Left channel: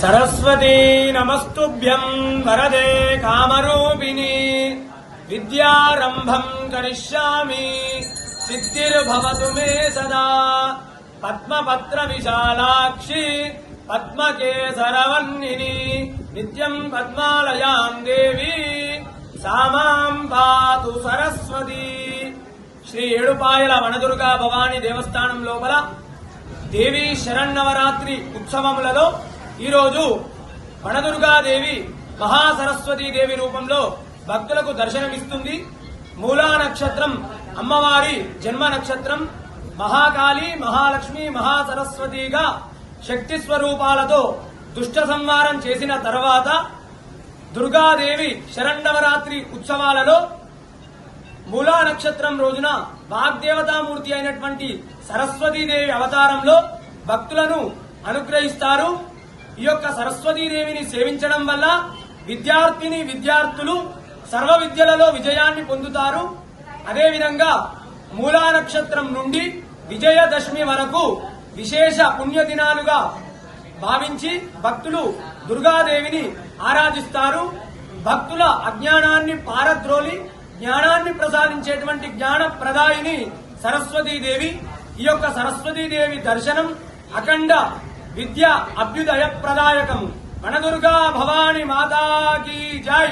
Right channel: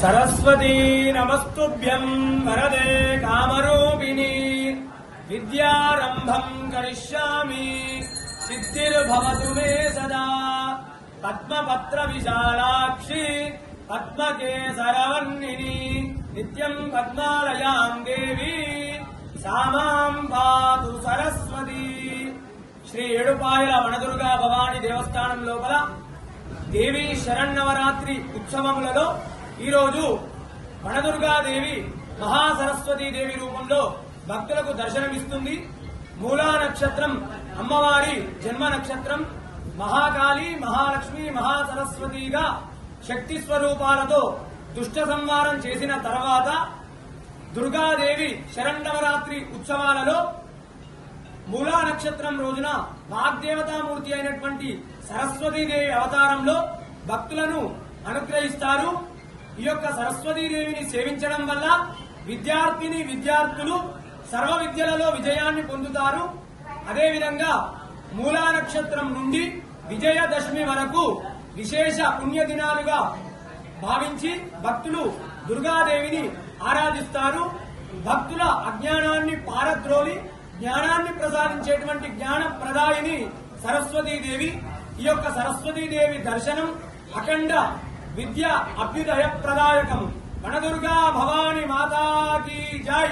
सरस्वती नमस्तुभ्यं वरदे कामरूपिणी विद्यारंभं करिष्यामि सिद्धिर्भवतु मे सदा पद्मपत्र विशालाक्षी पद्मकेसरवन्निनी नित्यं पद्मालयां देवी सा मां पातु सरस्वती। श्री ఏడుపాయల వనదుర్గా భవానీ దేవస్థానం లోపల దేవి శరన్నవరాత్రి ఉత్సవములలో ఈ రోజు వనదుర్గాదేవి మహాసరస్వతీదేవి రూపంలో భక్తులకు దర్శనమిస్తుంది. మూలా నక్షత్రం అమ్మవారి జన్మ నక్షత్రం. మహాకాళి, మహాలక్ష్మి, మహాసరస్వతిగా శక్తి స్వరూపాలతో దుష్ట సంహారం చేసిన తర్వాత దుర్గాదేవి శరన్నవరాత్రి ఉత్సవాలలో మూలా నక్షత్రం రోజున వాగ్దేవతామూర్తి అయినటువంటి సరస్వతీదేవి అవతారంలో భక్తులను అనుగ్రహిస్తారు. ఈ యొక్క సరస్వతీదేవిని సేవించడం వల్ల విద్యార్థులు సర్వ విద్యలలో విజయాన్ని పొందుతారు. అదేవిధంగా మూలా నక్షత్రం నుండి విజయదశమి వరకు విశేష పుణ్యదినాలుగా భావించి భక్తులు దుర్గాదేవిని ఆరాధిస్తారు. భక్తుల అజ్ఞానాన్ని పారద్రోలి జ్ఞానాన్ని ప్రసాదించేటువంటి జ్ఞాన ప్రదాయిని సరస్వతీదేవి. ఈ యొక్క సరస్వతీదేవి దర్శనం అఖండ విద్య అభ్యుదయ ప్రదాయకము. వనదుర్గా భవాని మాతాకి జై.